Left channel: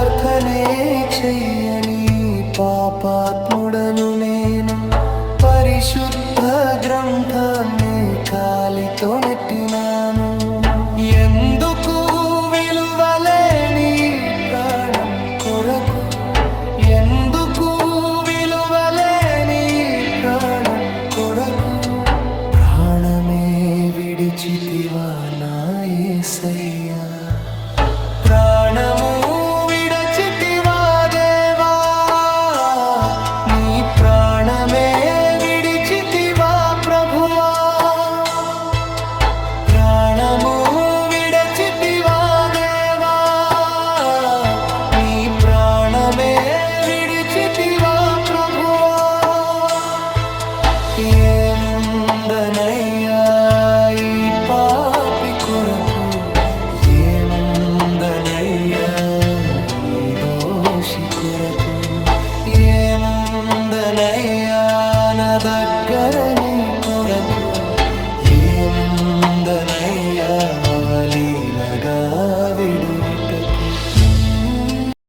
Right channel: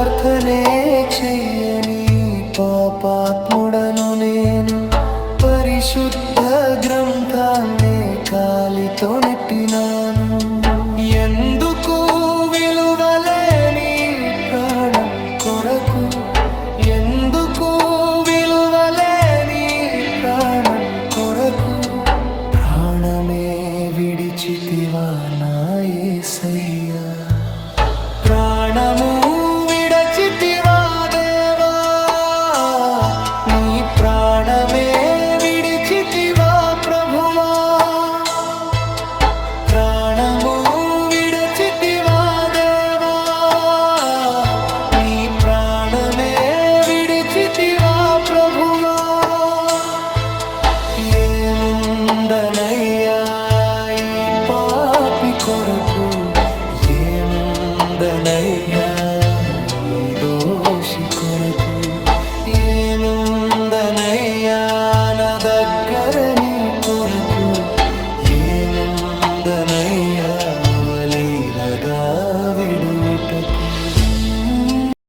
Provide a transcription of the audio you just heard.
ప్రార్థనే చెయ్యని పాపాత్ముడను నేను, పరిశుద్ధ గ్రంథాన్నే కాలితో నెట్టినాను. ఎందుకు విలువలేని ప్రాణం కొరకు, ఎందుకు విలువలేని ప్రాణం కొరకు ప్రాణమే విడిచితివా నా యేసయ్యా. ప్రాణము విడచితివా దేవా, నీ ప్రాణమే విడిచితివా ప్రభువా. ప్రాణము విడచితివా దేవా, నీ ప్రాణమే విడిచితివా ప్రభువా. ఏముందనయ్యా ఈ పాపి కొరకు, ఏముందనయ్యా ఈ దోషి కొరకు, ఏముందనయ్యా నా దగ్గర నీ కొరకు, ఏముందనయ్యా అవలీలగా విడుటకు.